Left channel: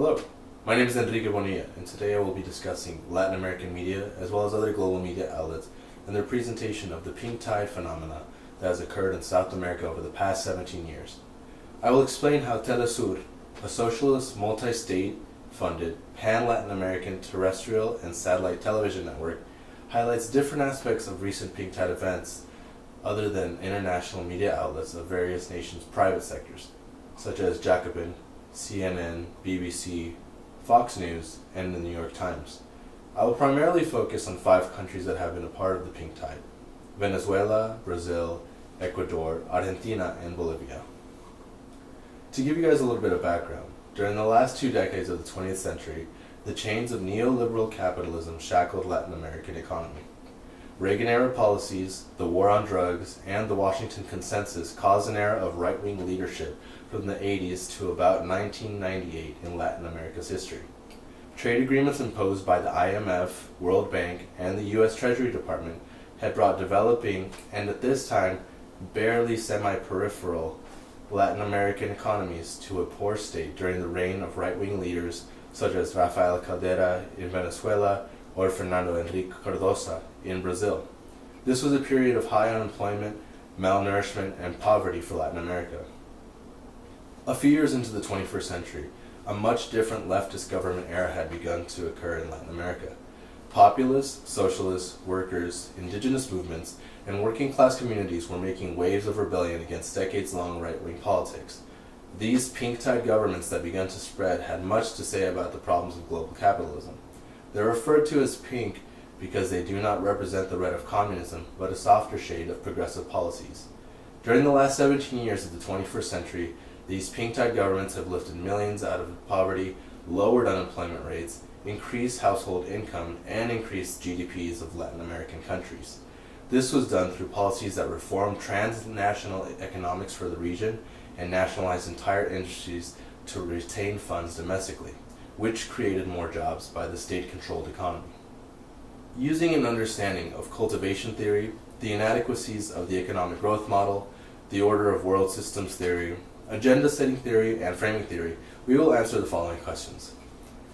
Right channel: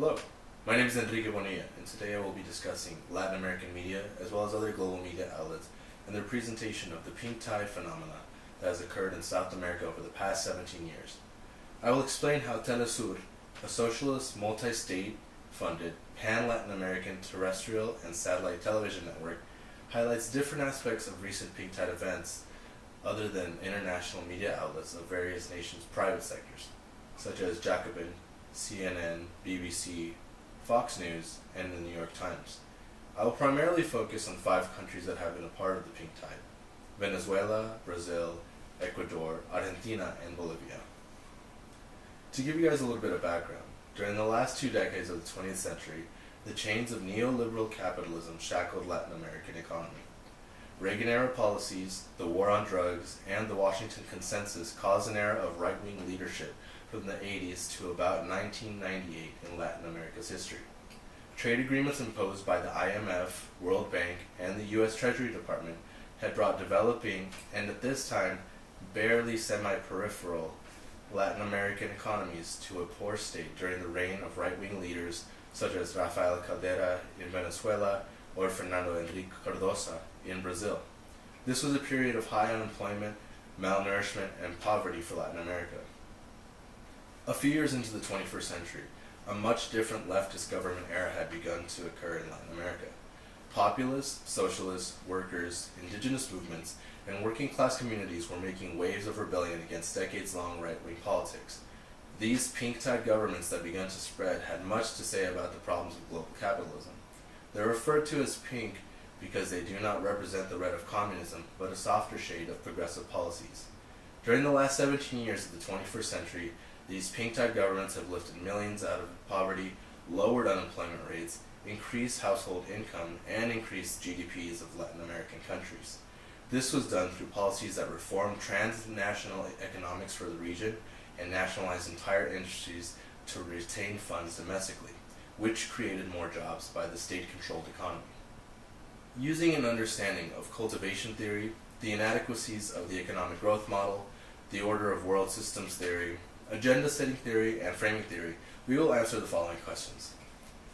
Hello, my name is Enrique Bonilla, and today I will be discussing Latin American media as well as other global media outlets and their presentation of the pink tide phenomena that has occurred in South America over the past 17 years. I will explain how TeleSur, a socialist, multi-state funded, pan-Latin American terrestrial and satellite television network, highlights different aspects of recent pink tide events other than international media outlets of various nations' private sectors, such as Jacobin, CNN, BBC, Fox News, and the New York Times. I will primarily focus on 5 countries that have been a part of the pink tide: Venezuela, Brazil, Ecuador, Argentina, and Bolivia. To give you guys a little bit of background, during the last 2 decades of the 20th century, the chains of neoliberal capitalism shackled Latin American economy. Reagan-era policies, the war on drugs, and the Washington Consensus caused an era of right-wing leadership from the 80s to about 1998 in Latin America's history. Trade agreements imposed by the IMF, World Bank, and the U.S. Treasury Department had brought developing, and at this time, barely semi-peripheral, Latin American economies to a poor state during the reign of right-wing leaders such as Rafael Caldera in Venezuela or Fernando Henrique Cardoso in Brazil. This was a period of high unemployment, malnourishment, and poverty for Latin America. A few years into the 21st century, a much different leftist government era had begun to occur in Latin America. Populist, socialist, workers, indigenous movements, and working class communities were making waves of rebellion against decades-long right-wing politics. These pink tide governments that began to spread had much to say about the problems of global capitalism. They're referred to as pink because they do not represent the red of communism, but a softer shade of progressive policies. During the last 17 years of the 21st century, these pink tide governments have lifted millions out of poverty, lowered unemployment rates, increased household income, and increased GDPs of Latin American countries. This was done through policies that reformed transnational economics for the region and nationalized entire industries to retain funds domestically, which created more jobs by the state-controlled economy. Using an understanding of cultivation theory, the inadequacies of the economic growth model, the order of world systems theory, agenda-setting theory, and framing theory, we will answer the following questions.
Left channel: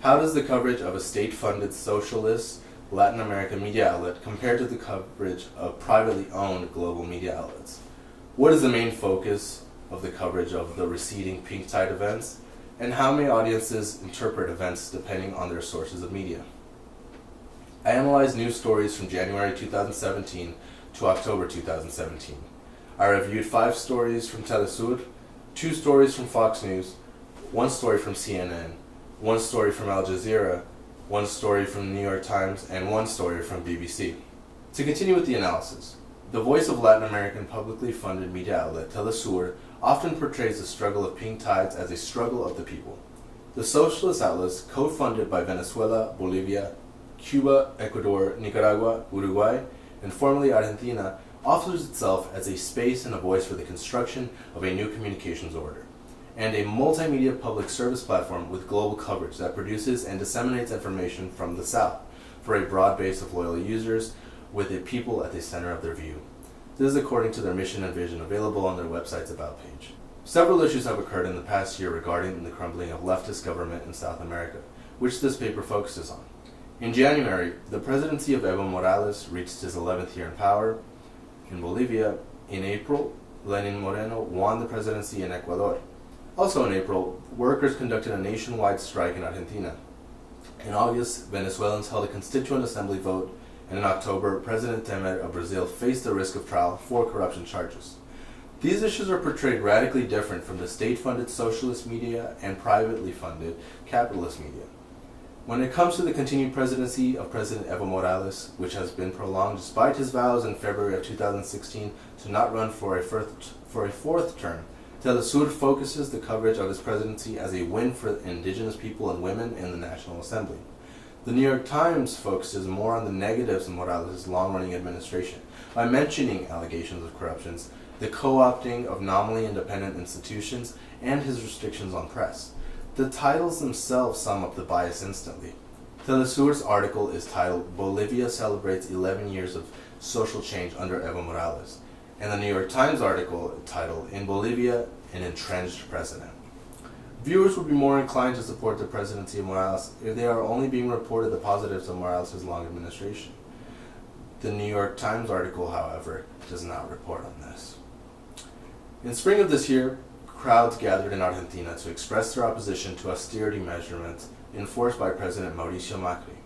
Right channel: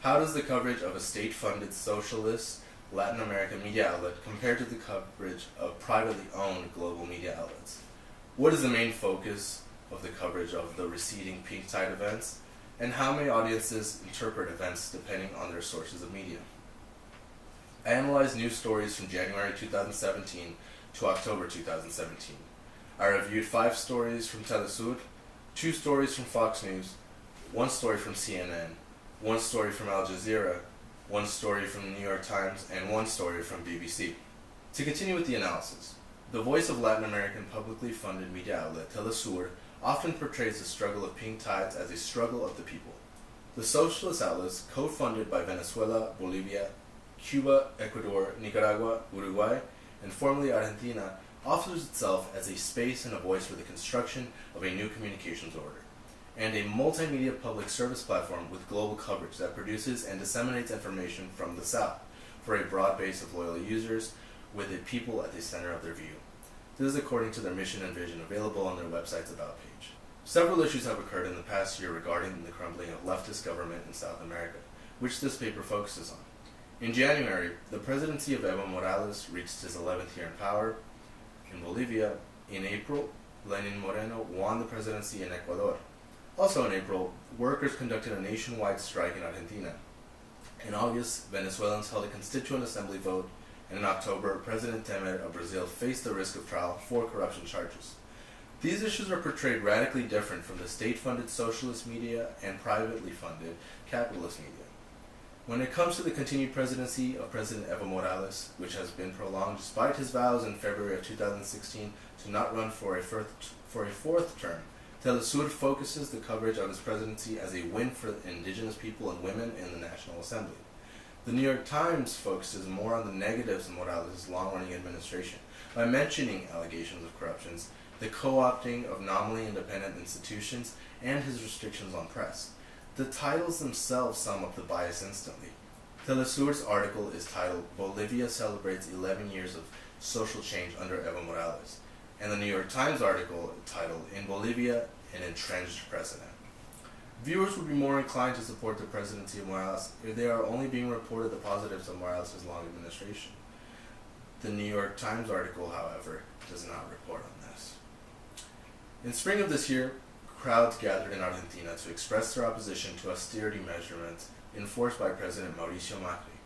How does the coverage of a state-funded socialist Latin American media outlet compare to the coverage of privately owned global media outlets? What is the main focus of the coverage of the receding pink tide events? And how may audiences interpret events depending on their sources of media? I analyzed news stories from January 2017 to October 2017. I reviewed 5 stories from TeleSur, 2 stories from Fox News, 1 story from CNN, 1 story from Al Jazeera, 1 story from the New York Times, and 1 story from BBC. To continue with the analysis, the voice of Latin American publicly funded media outlet TeleSur often portrays the struggle of pink tides as a struggle of the people. The socialist outlets, co-funded by Venezuela, Bolivia, Cuba, Ecuador, Nicaragua, Uruguay, and formerly Argentina, offers itself as a space and a voice for the construction of a new communications order, and a multimedia public service platform with global coverage that produces and disseminates information from the South for a broad base of loyal users with the people at the center of their view. This is according to their mission and vision available on their website's About page. Several issues have occurred in the past year regarding the crumbling of leftist government in South America, which this paper focuses on. In January, the presidency of Evo Morales reached his 11th year in power. In Bolivia, in April, Lenin Moreno won the presidency in Ecuador. Also in April, workers conducted a nationwide strike in Argentina. In August, Venezuelans held a constituent assembly vote, and in October, President Temer of Brazil faced the risk of trial for corruption charges. These issues are portrayed radically different from the state-funded socialist media and privately funded capitalist media. When it comes to the continued presidency of President Evo Morales, which has been prolonged despite his vows in February of 2016 to not run for a 4th term, TeleSur focuses the coverage of his presidency as a win for indigenous people and women in the National Assembly. The New York Times focuses more on the negatives of Morales' long-running administration by mentioning allegations of corruptions, the co-opting of nominally independent institutions, and his restrictions on press. The titles themselves sum up the bias instantly. TeleSur's article is titled "Bolivia Celebrates 11 Years of Social Change Under Evo Morales," and the New York Times article titled "In Bolivia, an Entrenched President." Viewers would be more inclined to support the presidency of Morales if they are only being reported the positives of Morales' long administration. The New York Times article, however, does not report on this. In spring of this year, crowds gathered in Argentina to express their opposition to austerity measurements enforced by President Mauricio Macri.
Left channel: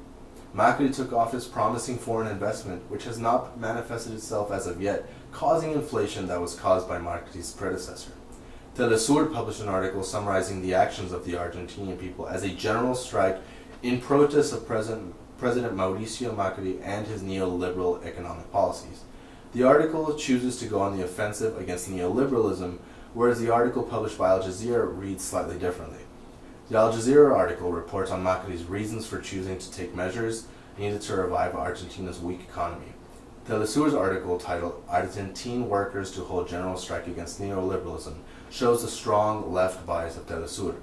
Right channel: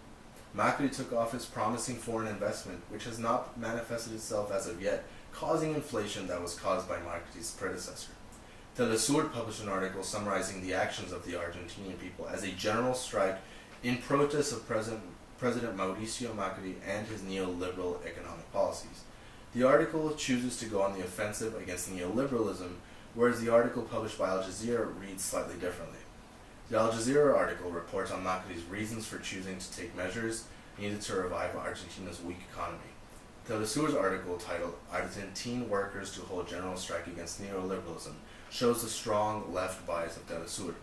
Macri took office promising foreign investment, which has not manifested itself as of yet, causing inflation that was caused by Macri's predecessor. TeleSur published an article summarizing the actions of the Argentinian people as a general strike in protest of President Mauricio Macri and his neoliberal economic policies. The article chooses to go on the offensive against neoliberalism, whereas the article published by Al Jazeera reads slightly differently. The Al Jazeera article reports on Macri's reasons for choosing to take measures needed to revive Argentina's weak economy. TeleSur's article, titled Argentine Workers to Hold General Strike Against Neoliberalism, shows the strong left bias of TeleSur.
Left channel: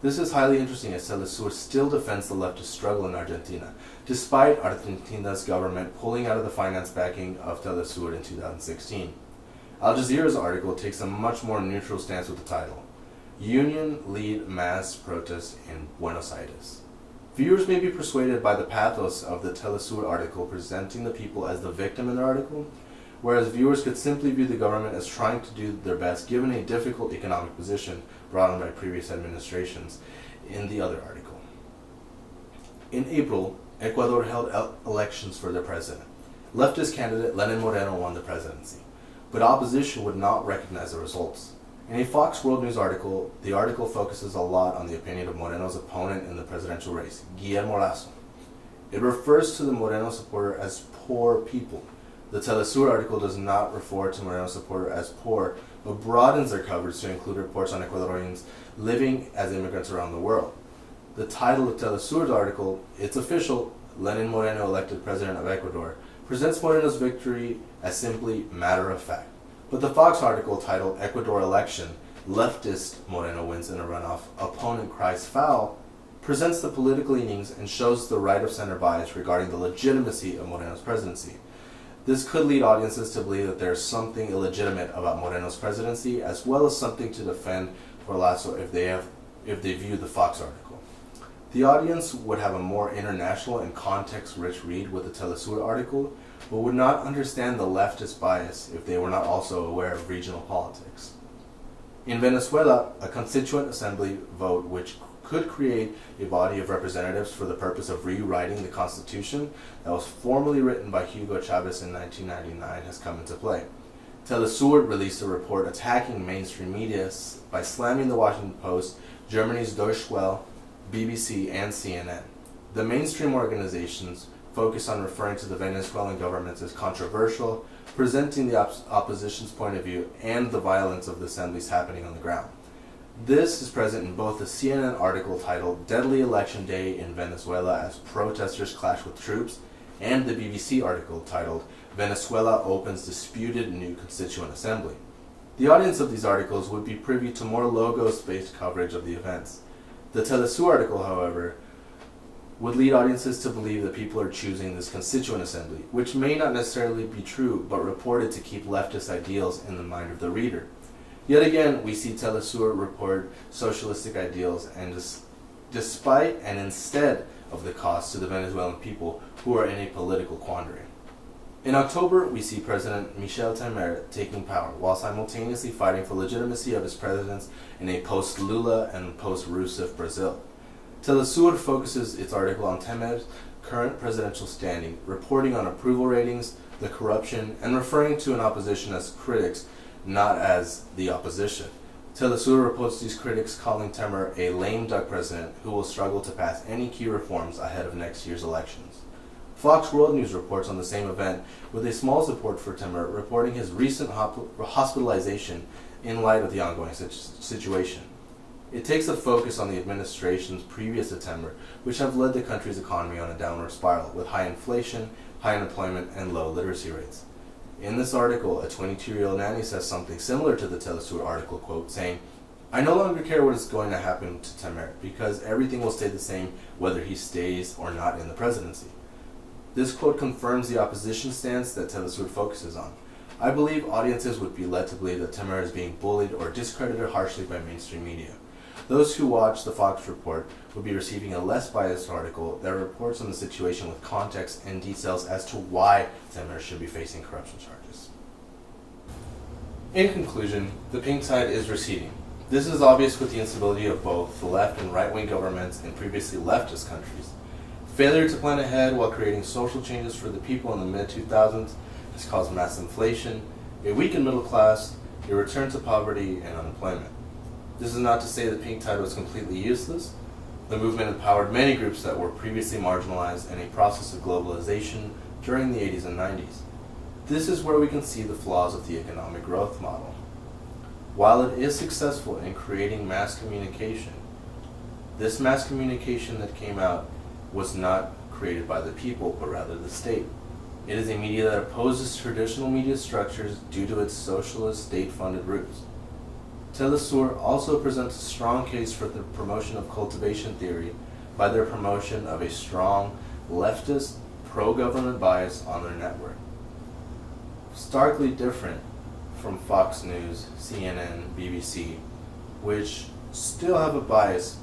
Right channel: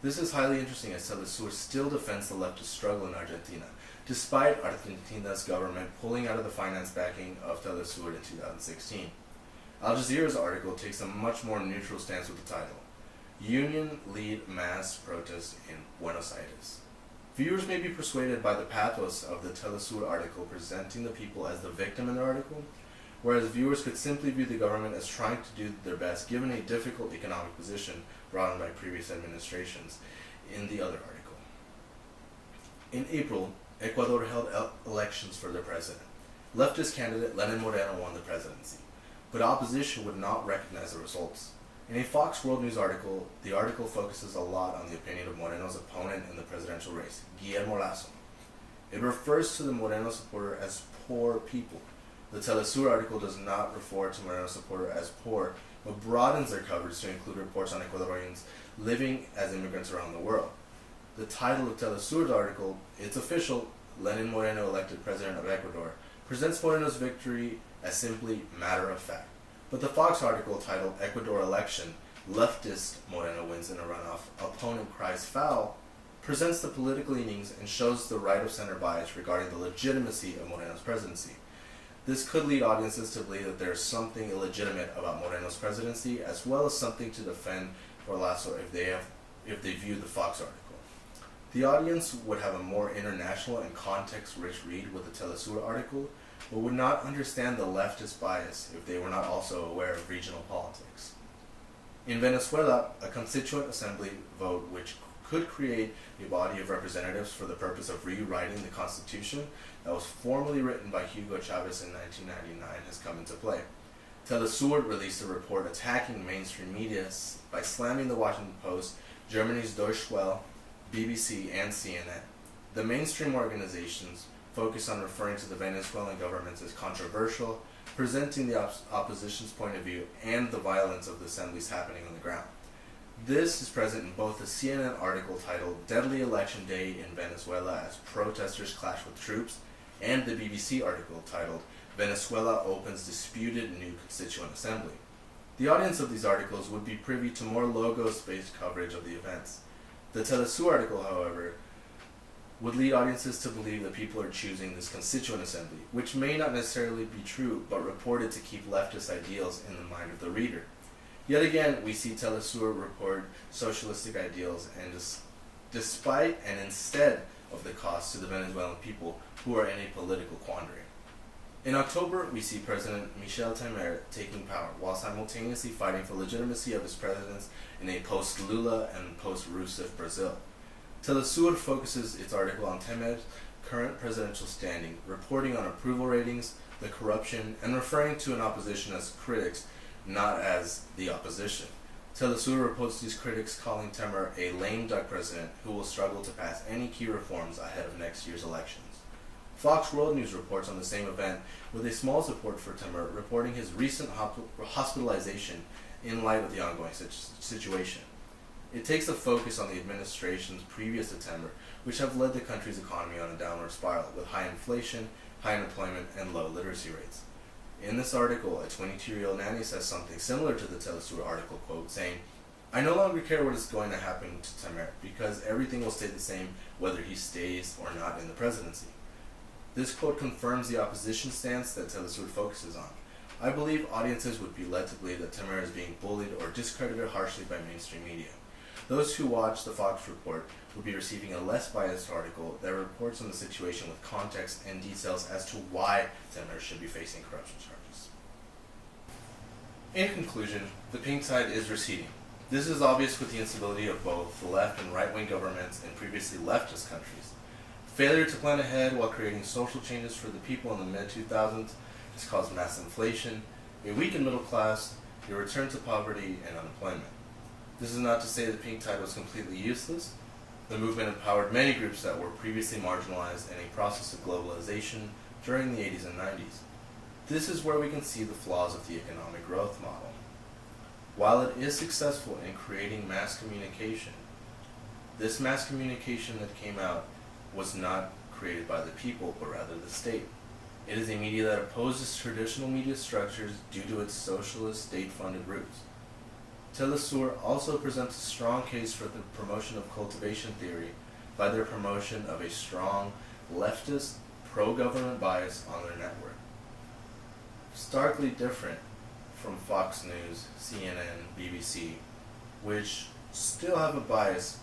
This is highly interesting as TeleSur still defends the leftist struggle in Argentina, despite Argentina's government pulling out of the finance backing of TeleSur in 2016. Al Jazeera's article takes a much more neutral stance with the title, Union Lead Mass Protest in Buenos Aires. Viewers may be persuaded by the pathos of the TeleSur article presenting the people as the victim in the article, whereas viewers could simply view the government as trying to do their best given a difficult economic position brought on by previous administrations in the other article. In April, Ecuador held elections for their president. Leftist candidate Lenin Moreno won the presidency, but opposition would not recognize the results. In a Fox World News article, the article focuses a lot on the opinion of Moreno's opponent in the presidential race, Guillermo Lasso. It refers to the Moreno supporter as poor people. The TeleSur article does not refer to Moreno's supporter as poor, but broadens their coverage to include reports on Ecuadorians living as immigrants around the world. The title of TeleSur's article, It's Official, Lenin Moreno elected president of Ecuador, presents Moreno's victory as simply matter of fact. But the Fox article titled Ecuador Election, Leftist Moreno Wins in a Runoff, Opponent Cries Foul, presents the political leanings and shows the right-of-center bias regarding the legitimacy of Moreno's presidency. This could lead audiences to believe that there is something illegitimate about Moreno's presidency, as well as something to defend for Lasso if they view the Fox article. The audience would have a more international and context-rich read with the TeleSur article, but would not understand the leftist bias if they were not also aware of regional politics. In Venezuela, a constituent assembly vote which could create a body of representatives for the purpose of rewriting the constitution that was formally written by Hugo Chavez in 1999 has come into play. TeleSur released a report attacking mainstream media by slamming the Washington Post, Germany's Deutsche Welle, BBC, and CNN. The mainstream organizations focus on referring to the Venezuelan government as controversial, presenting the opposition's point of view and the violence of the assemblies happening on the ground. This is present in both the CNN article titled Deadly Election Day in Venezuela as Protesters Clash with Troops and the BBC article titled Venezuela Opens Disputed New Constituent Assembly. The audience of these articles would be privy to more logos-based coverage of the events. The TeleSur article, however, would lead audiences to believe that people are choosing this constituent assembly, which may not necessarily be true, but reported to keep leftist ideals in the mind of the reader. Yet again, we see TeleSur report socialistic ideals and despite and instead of the cost to the Venezuelan people who are in a political quandary. In October, we see President Michel Temer taking power while simultaneously fighting for legitimacy of his presidents in a post-Lula and post-Rousseff Brazil. TeleSur focuses its article on Temer's current presidential standing, reporting on approval ratings, the corruption, and referring to an opposition as critics, not as the opposition. TeleSur reports these critics calling Temer a lame duck president who will struggle to pass any key reforms ahead of next year's elections. Fox World News reports on the same event with a small support for Temer, reporting his recent hospitalization in light of the ongoing situation. It takes a focus on the administration's previous attempts, which have led the country's economy on a downward spiral, with high inflation, high unemployment, and low literacy rates. In this article, a 22-year-old nanny says something similar to the TeleSur article, quote, saying, "I no longer care what is going to happen to Temer, because everything will stay the same whether he stays or not in the presidency." This quote confirms the opposition stance that TeleSur focuses on. I believe audiences would be led to believe that Temer is being bullied or discredited harshly by mainstream media. Those who watch the Fox report would be receiving a less biased article that reports on the situation with context and details as to why senators should be facing corruption charges. In conclusion, the pink tide is receding. This is obvious with the instability of both the left and right-wing governments in previously leftist countries. Failure to plan ahead while creating social changes for the people in the mid-2000s has caused mass inflation, a weakened middle class, a return to poverty, and unemployment. This is not to say the pink tide was completely useless. The movement empowered many groups that were previously marginalized in a process of globalization during the 80s and 90s. This is where we can see the flaws of the economic growth model. While it is successful in creating mass communication, this mass communication that came out was not created by the people, but rather the state. It is a media that opposes traditional media structures due to its socialist, state-funded roots. TeleSur also presents a strong case for the promotion of cultivation theory by their promotion of a strong, leftist, pro-government bias on their network. Starkly different from Fox News, CNN, BBC, which still have a bias,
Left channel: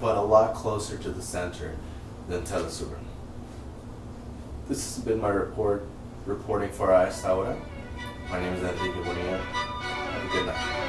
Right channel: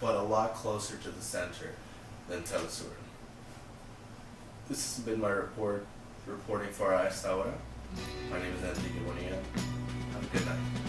but a lot closer to the center than TeleSur. This has been my reporting for A Esta Hora. My name is Enrique Bonilla. Have a good night.